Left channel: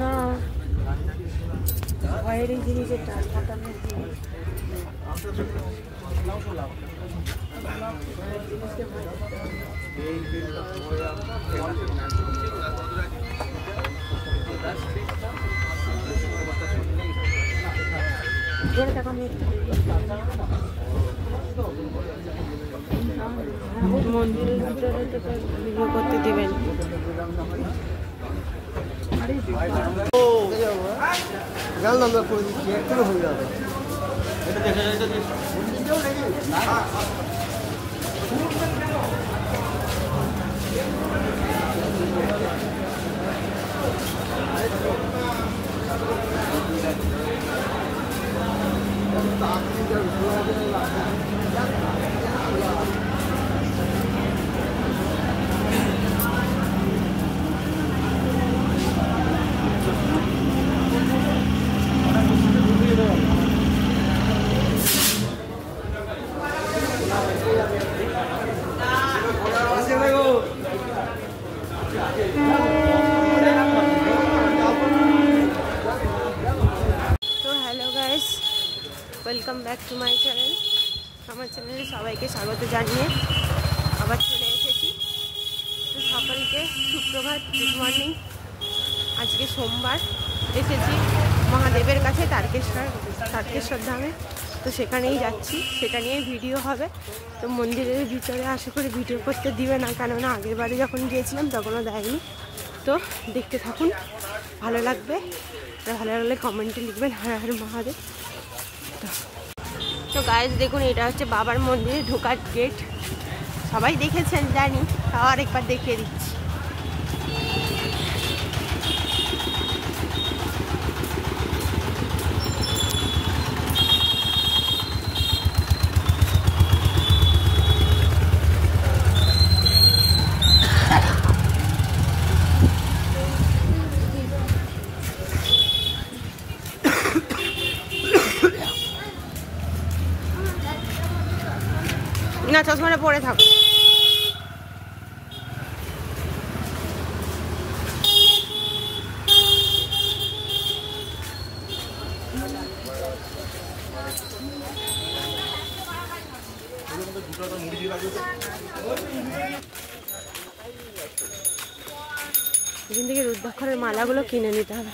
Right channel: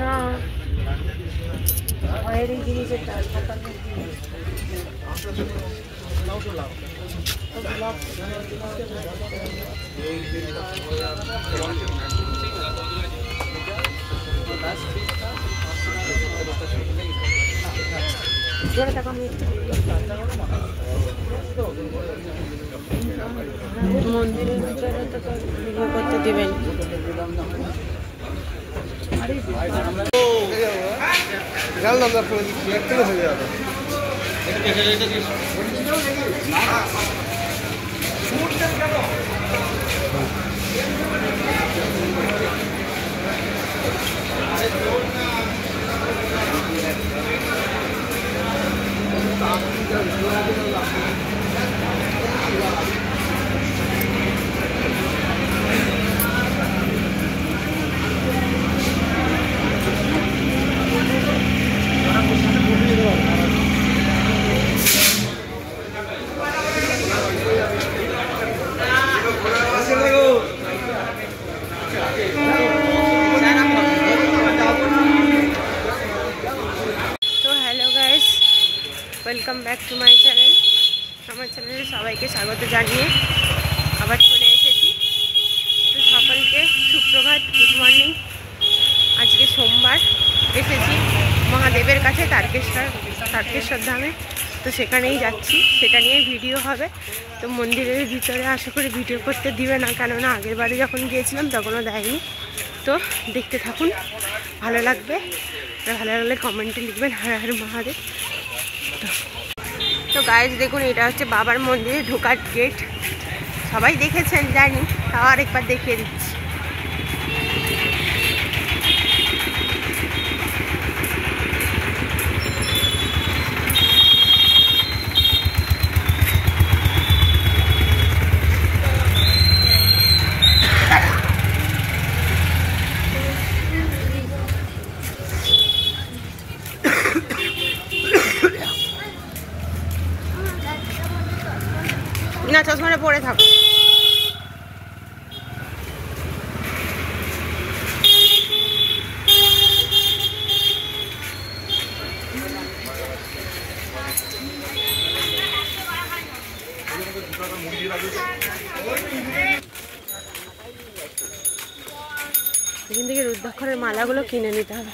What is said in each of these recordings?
না বাইরে জিনিসের টাকা মন্দিরের ভিতরে তো ভিডিও করতে দিবেন। Welcome back to my channel. আমার চ্যানেলে সবাইকে স্বাগত জানিয়ে আবার চলে এসেছি। তো সকলকে সুপ্রভাত, গুড মর্নিং। আজকে সোমবার এসেছি মহাদেবের কাছে তারকেশ্বর ধামে। তো সেখানেই যাচ্ছি, সেটা নিয়ে ভিডিও হবে। তো মন্দিরের ভিতরে আশা করি ভিডিও করতে দিবে না, কেননা আগের বারে যখন গিয়েছিলাম তখনও দেয়নি। তো দেখতে থাকুন, ভালো লাগবে। ভালো লাগলে কমেন্টে লিখবেন হর হর মহাদেব। তো গাইজ দেখুন, এটা হচ্ছে বাবার মন্দিরে ঢোকার গেট। সবাই দেখেছেন জানি, তাও আরেকবার দেখিয়ে দিচ্ছি। না, চশমাটা পরে থাকো। এখান থেকে রুদ্রাক্ষরের মালাগুলো কিনে নিতে হবে।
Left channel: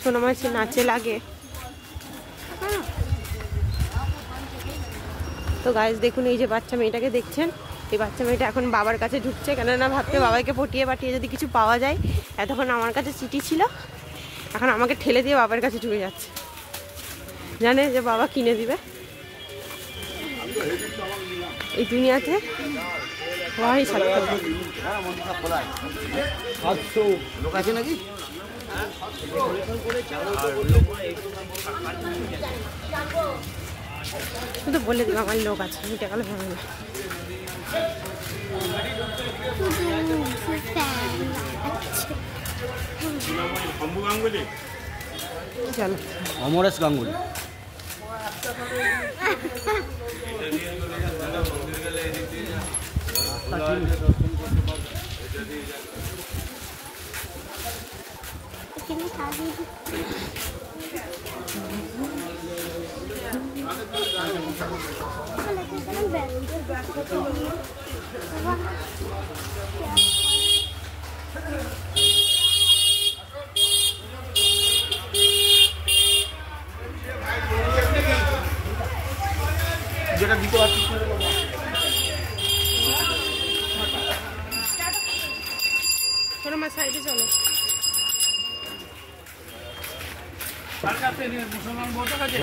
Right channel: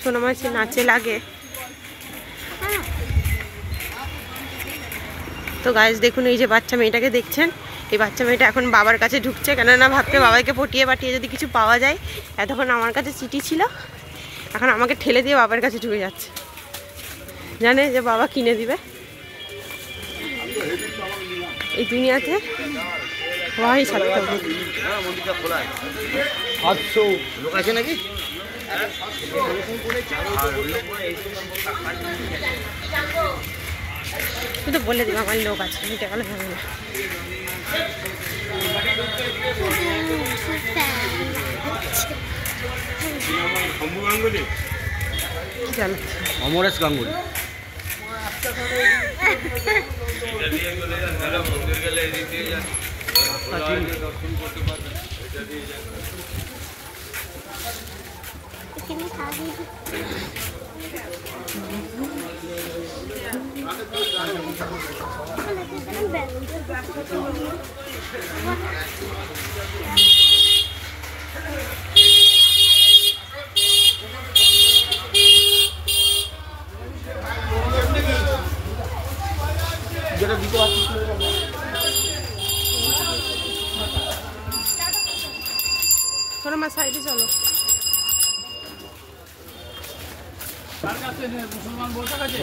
সোনা মাছের নাচে লাগে। তো গাইজ দেখুন, এই যে বাচ্চা মেয়েটাকে দেখছেন, এই বাচ্চা মেয়েটা এখন বাবার কাছে ঢুকছে, কেননা ভাবতে বাবাকে পটিয়ে পাঠিয়ে যদি কিছু পাওয়া যায়। এতক্ষণ আমার কাছে চিঠি ছিল, এখন আমাকে ঠেলে দিয়ে বাবার কাছে ঢুকে যাচ্ছে। জানে যে বাবা কিনে দিবে। এই দুনিয়াতে হওয়াই সার্থক। তো বলে দিবা আমার লোক আছে, এটা গেলে হবে না। চলো অমরেশ গাঙ্গুলি। যেটা দিতে পারছি চলো আমার সাইডে চলো। তার কাছে মুসলমান বলতে কাছে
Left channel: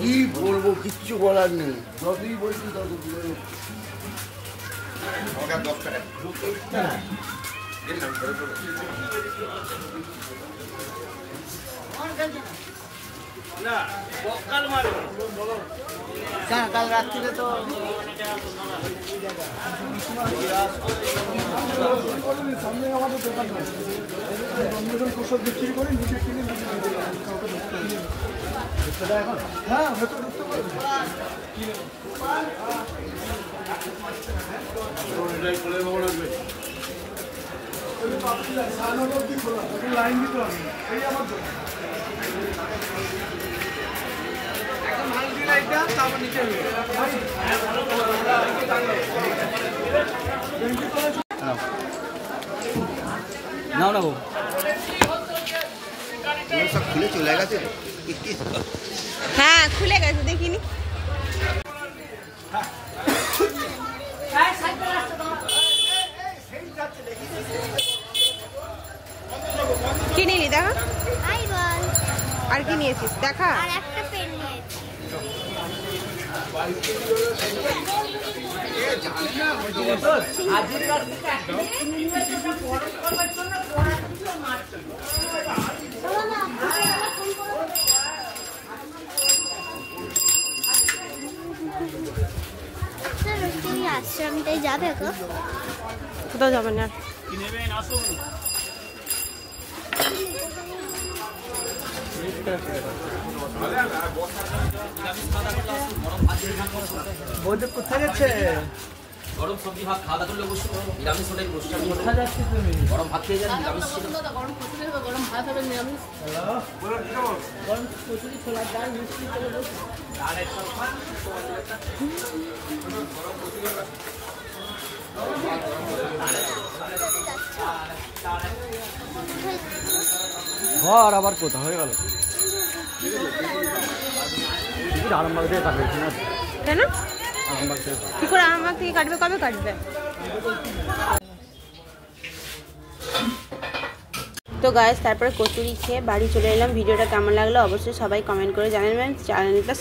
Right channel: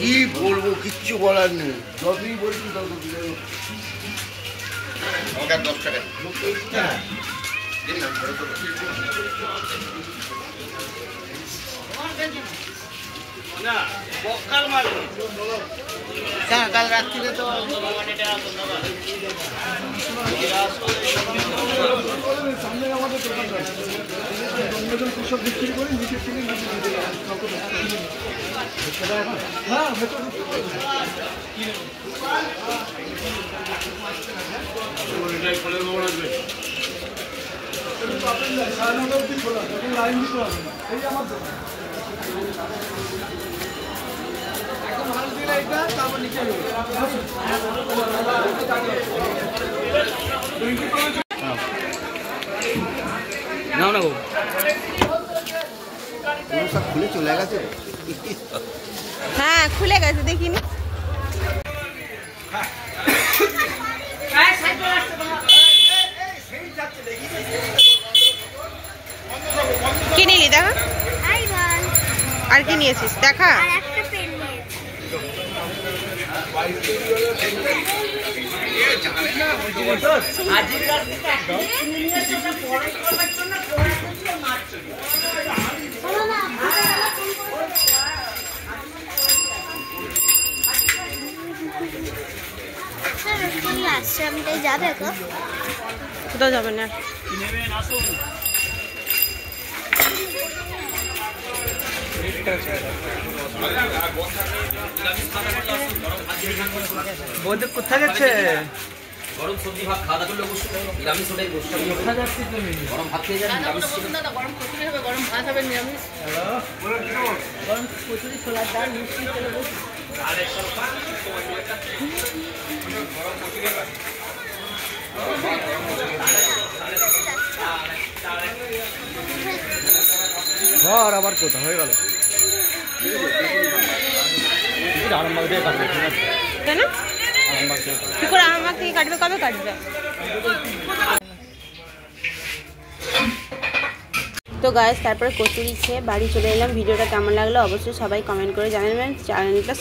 কি বলবো, কিচ্ছু বলার নেই। যতই বলছি তত কাল রাত্রিরে তো সামনে আমাদের দোকান অন্যজন কৃষক বিক্রি করে নিজে কিনে নিজে দিতে হ্যাঁ লাইন দিতে হবে, এই আমার দোকান একদম হাল দিয়ে লাইটটা তারপর নিচে না না সব খুলে চলে গেছে। হ্যাঁ খুলে গেছে, দেখিনি। কি নিলি দেখা? আর কি নিয়েছিস দেখা? কোথাও যাবে না। কোথায় যাচ্ছে? গরম সবজি ভাত খাওয়া দাওয়া করলে অবশ্যই নিরামিষ হলে কোথায় যাচ্ছি তুমি? গরম ভাত খেয়ে যাবেন, নিরামিষ গরম ভাত হবে, নিরামিষ গরম কচুরি, ছোলার ডাল, মিষ্টি তেলে বসে ঘর আবার কোথা হয়ে গেল? আরামবাগ দিয়ে কাটবে কেন? কি করে আরামবাগ থেকে কাটবে? কবে কাটবে? তো গাইস, তারপরে কচুরি খেয়ে বাড়ি চলে এলাম। ভিডিওটা কেমন লাগলো অবশ্যই সবাই কমেন্ট করে জানাবেন। চ্যানেলটা